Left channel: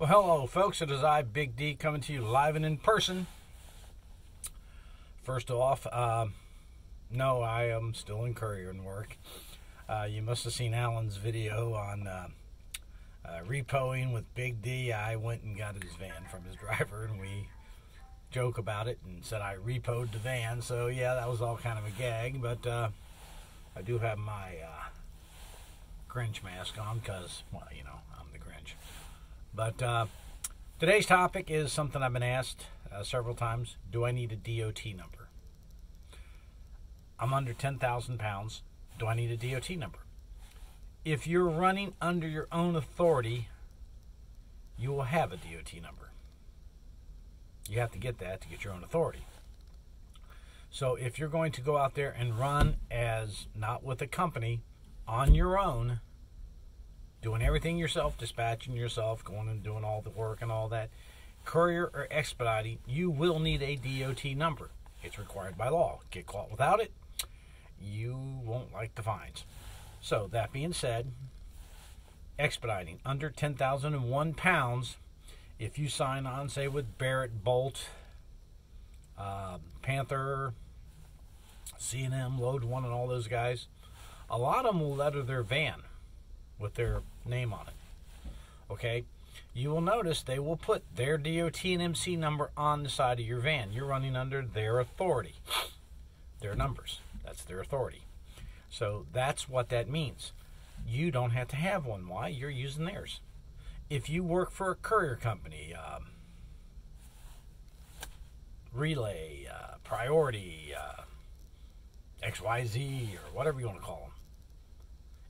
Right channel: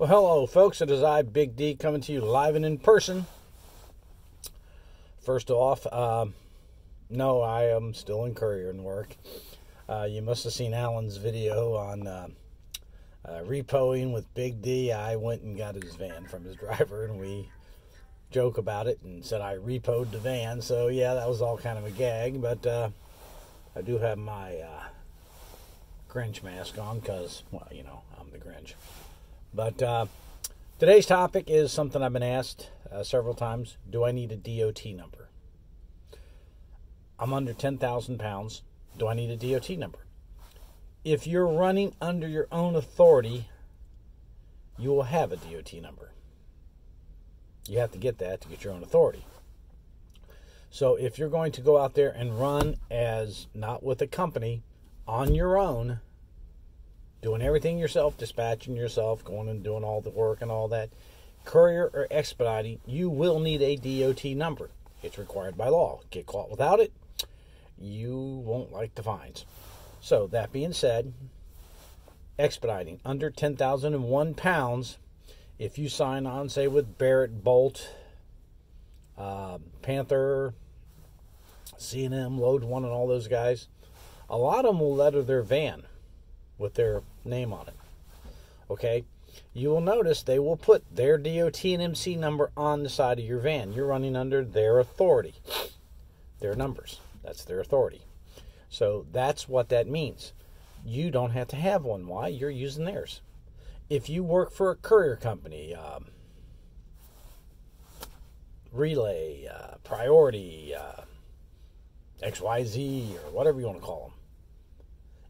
Well, hello, folks. It is I, Big D, coming to you live and in person. First off, no, I am still in Courier and work. You must have seen Alan's video on repoing with Big D. I went and got his van from his driver, and we joke about it and said I repoed the van. So, yeah, that was all kind of a gag, but I do have my Grinch mask on because, well, you know, I'm the Grinch. But today's topic is something I've been asked several times. Do I need a DOT number? I'm under 10,000 pounds. Do I need a DOT number? If you're running under your own authority, you will have a DOT number. You have to get that to get your own authority. So if you're going to go out there and run as not with a company, on your own, doing everything yourself, dispatching yourself, going and doing all the work and all that, Courier or Expediting, you will need a DOT number. It's required by law. Get caught without it, you won't like the fines. So, that being said, Expediting, under 10,001 pounds, if you sign on, say, with Barrett, Bolt, Panther, C&M, Load One, and all those guys, a lot of them will letter their van with their name on it. Okay? You will notice they will put their DOT and MC number on the side of your van. You're running under their authority. Their numbers. That's their authority. So that's what that means. You don't have to have one. Why? You're using theirs. If you work for a courier company, Relay, Priority, XYZ, or whatever you want to call them.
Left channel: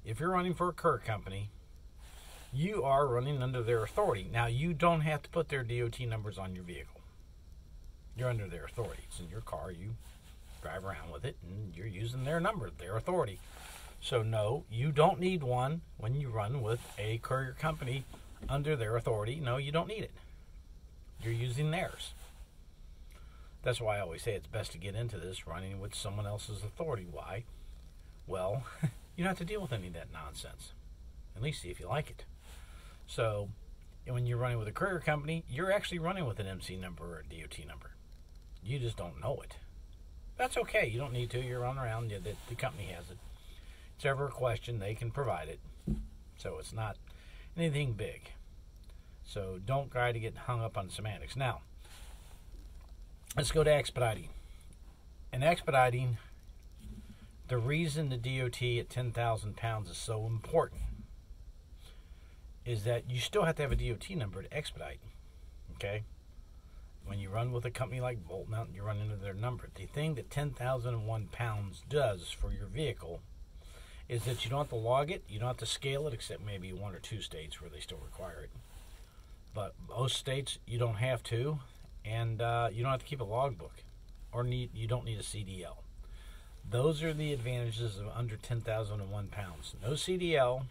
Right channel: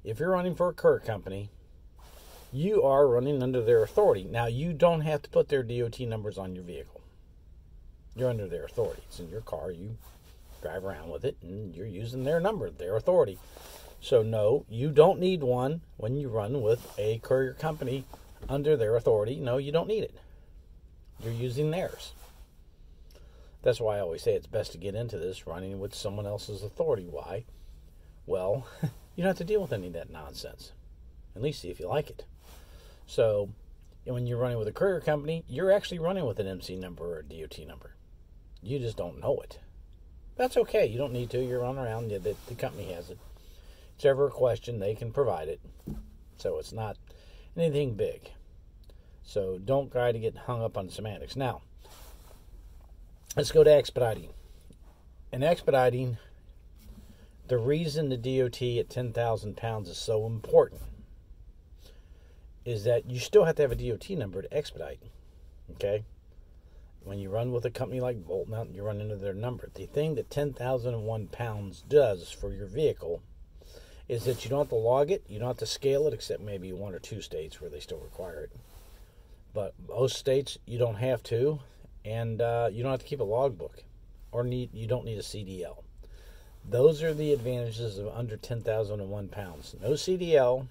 If you're running for a courier company, you are running under their authority. Now, you don't have to put their DOT numbers on your vehicle. You're under their authority. It's in your car. You drive around with it, and you're using their number, their authority. So, no, you don't need one when you run with a courier company under their authority. No, you don't need it. You're using theirs. That's why I always say it's best to get into this running with someone else's authority. Why? Well, you don't have to deal with any of that nonsense. At least see if you like it. So, when you're running with a courier company, you're actually running with an MC number or a DOT number. You just don't know it. That's okay. You don't need to. You're running around. The company has it. If it's ever a question, they can provide it. So, it's not anything big. So, don't try to get hung up on semantics. Now, let's go to Expediting. In Expediting, the reason the DOT at 10,000 pounds is so important is that you still have to have a DOT number to expedite. Okay? When you run with a company like Bolt Mountain, you run into their number. The thing that 10,001 pounds does for your vehicle is that you don't have to log it, you don't have to scale it, except maybe 1 or 2 states where they still require it. But most states, you don't have to, and you don't have to keep a logbook, or you don't need a CDL. Those are the advantages of under 10,001 pounds. No CDL,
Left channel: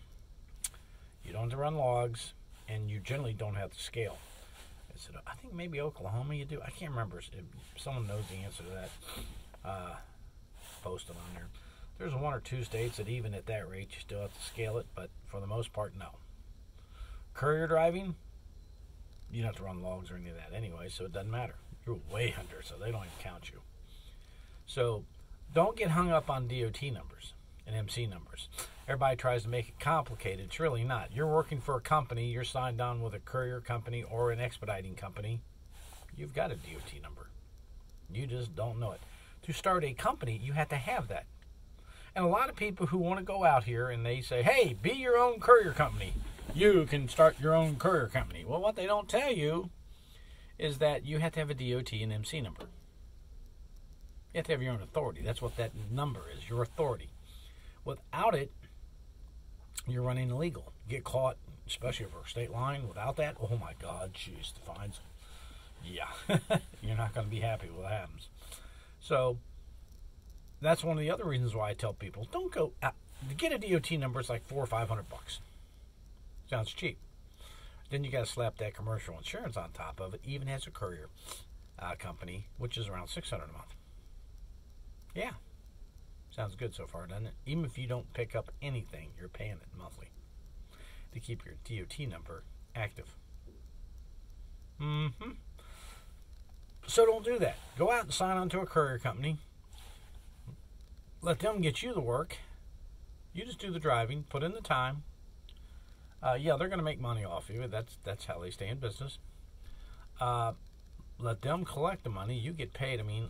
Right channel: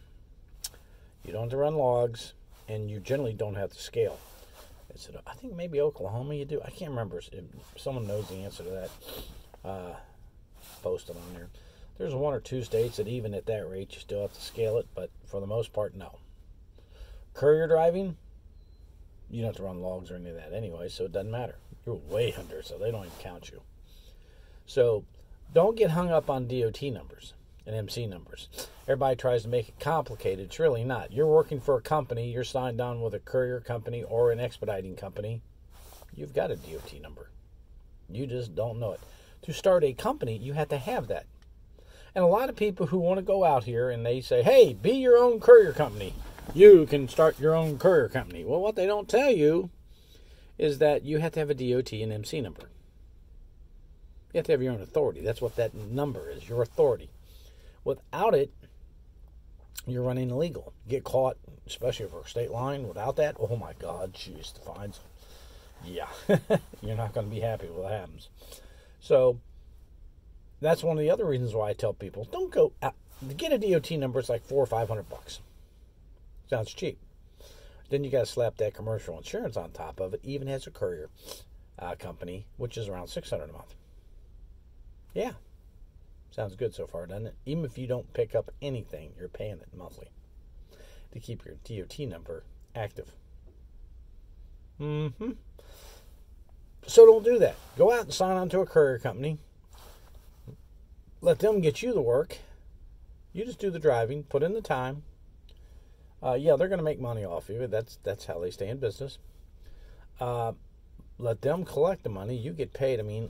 you don't have to run logs, and you generally don't have to scale. I think maybe Oklahoma you do. I can't remember. If someone knows the answer to that, post it on there. There's 1 or 2 states that even at that rate you still have to scale it, but for the most part, no. Courier driving, you don't have to run logs or any of that anyway, so it doesn't matter. You're way under, so they don't even count you. So, don't get hung up on DOT numbers and MC numbers. Everybody tries to make it complicated. It's really not. You're working for a company. You're signed on with a courier company or an expediting company. You've got a DOT number. You just don't know it. To start a company, you have to have that. And a lot of people who want to go out here and they say, hey, be your own courier company. You can start your own courier company. Well, what they don't tell you is that you have to have a DOT and MC number. You have to have your own authority. That's what that number is, your authority. Without it, you're running illegal. Get caught, especially for a state line, without that, oh my God, jeez, the fines. Yeah, you're not going to be happy with what happens. So, that's one of the other reasons why I tell people, don't go out. To get a DOT number, it's like $400 or $500. Sounds cheap. Then you got to slap that commercial insurance on top of it, even as a courier company, which is around $600 a month. Yeah. Sounds good so far, doesn't it? Even if you don't pick up anything, you're paying it monthly to keep your DOT number active. Mm-hmm. So don't do that. Go out and sign on to a courier company. Let them get you the work. You just do the driving, put in the time. Yeah, they're going to make money off you. That's how they stay in business. Let them collect the money. You get paid. I mean,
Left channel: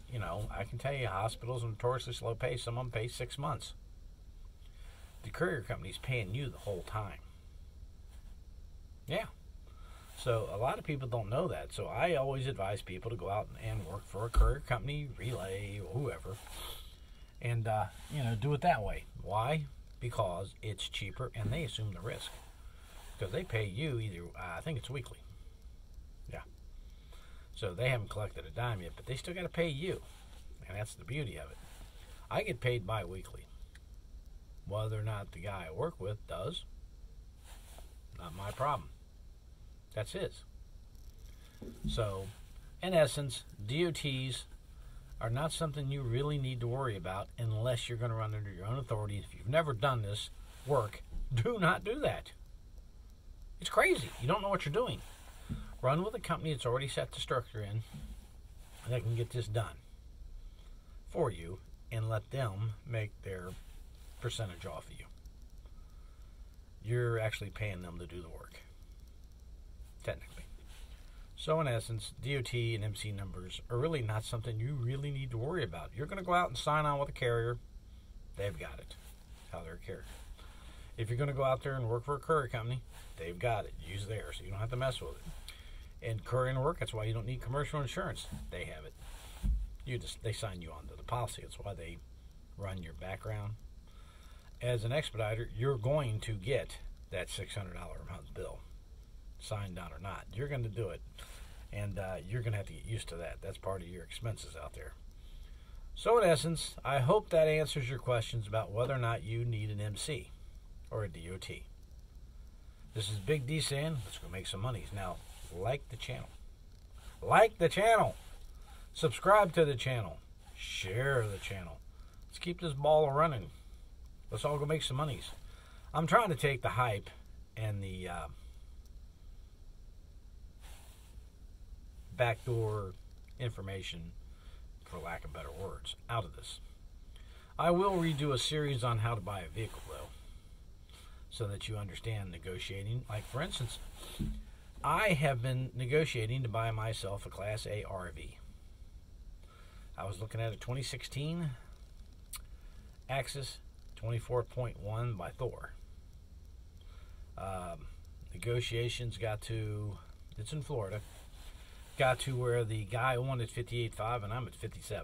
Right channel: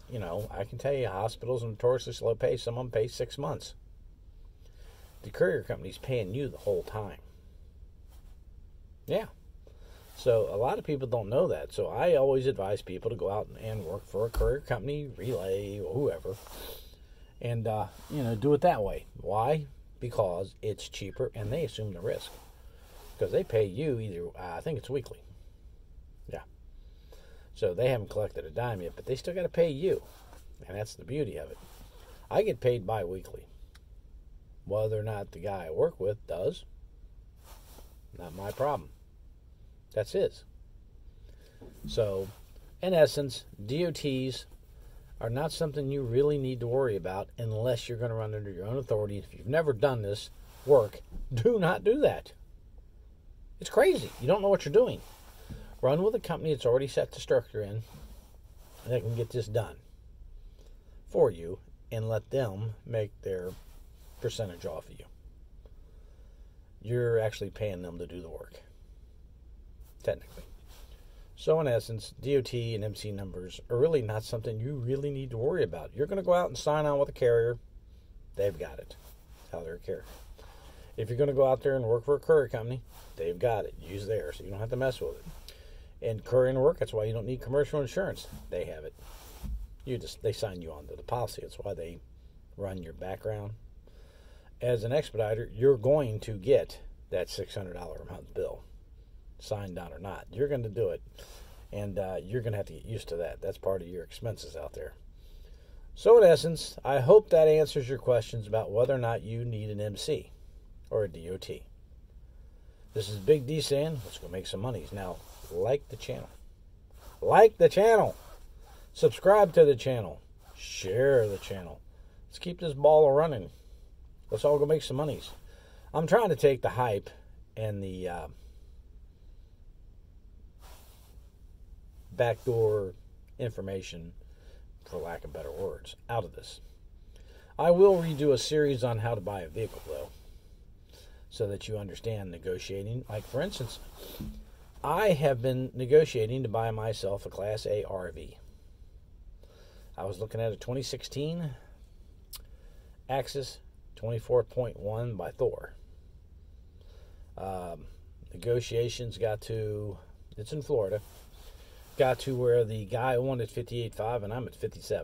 I can tell you hospitals are notoriously slow pay. Some of them pay 6 months. The courier company's paying you the whole time. Yeah. So a lot of people don't know that. So I always advise people to go out and work for a courier company, Relay, or whoever, and do it that way. Why? Because it's cheaper and they assume the risk. Because they pay you either, I think it's weekly. Yeah. So they haven't collected a dime yet, but they still got to pay you. And that's the beauty of it. I get paid bi-weekly. Whether or not the guy I work with does, not my problem. That's his. So, in essence, DOTs are not something you really need to worry about unless you're going to run under your own authority. If you've never done this work, do not do that. It's crazy. You don't know what you're doing. Run with a company that's already set the structure in and they can get this done for you and let them make their percentage off of you. You're actually paying them to do the work, technically. So in essence, DOT and MC numbers are really not something you really need to worry about. You're going to go out and sign on with a carrier. They've got it. That's how they're a carrier. If you're going to go out there and work for a courier company, they've got it. Use theirs, so you don't have to mess with it. And courier work, that's why you don't need commercial insurance. They have it. They sign you onto the policy. That's why they run your background. As an expediter, you're going to get that $600 a month bill, signed on or not. You're going to do it, and you're going to have to get used to that. That's part of your expenses out there. So in essence, I hope that answers your questions about whether or not you need an MC or a DOT. This is Big D saying, let's go make some monies. Now, like the channel. Like the channel. Subscribe to the channel. Share the channel. Let's keep this ball running. Let's all go make some monies. I'm trying to take the hype and the backdoor information, for lack of better words, out of this. I will redo a series on how to buy a vehicle, though, so that you understand negotiating. Like, for instance, I have been negotiating to buy myself a Class A RV. I was looking at a 2016 Axis 24.1 by Thor. Negotiations got to, it's in Florida, got to where the guy wanted $58,500 and I'm at $57,000.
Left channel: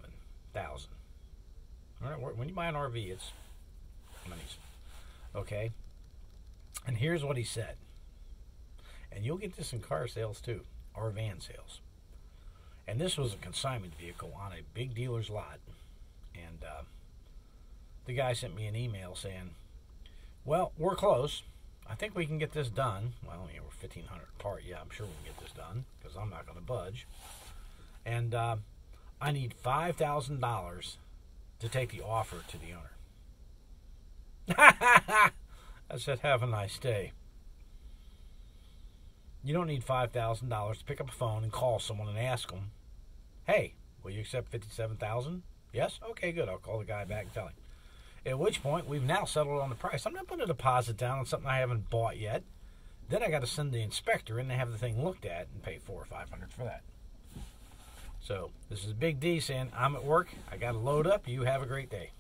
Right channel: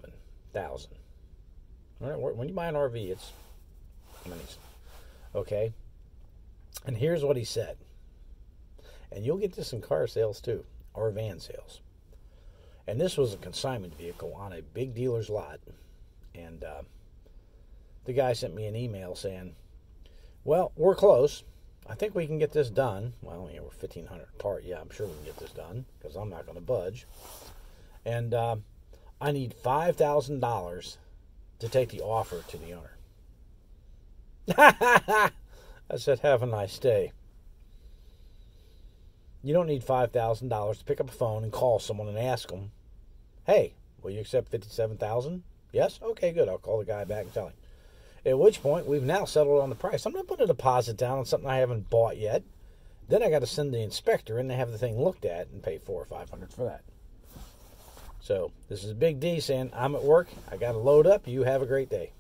All right, when you buy an RV, it's monies. Okay? And here's what he said. And you'll get this in car sales too, or van sales. And this was a consignment vehicle on a big dealer's lot. And the guy sent me an email saying, well, we're close. I think we can get this done. Well, we're 1,500 apart. Yeah, I'm sure we can get this done because I'm not going to budge. And I need $5,000 to take the offer to the owner. I said, have a nice day. You don't need $5,000 to pick up a phone and call someone and ask them, hey, will you accept $57,000? Yes? Okay, good. I'll call the guy back and tell him. At which point, we've now settled on the price. I'm not putting a deposit down on something I haven't bought yet. Then I got to send the inspector in to have the thing looked at and pay $400 or $500 for that. So, this is Big D saying, I'm at work. I got to load up. You have a great day.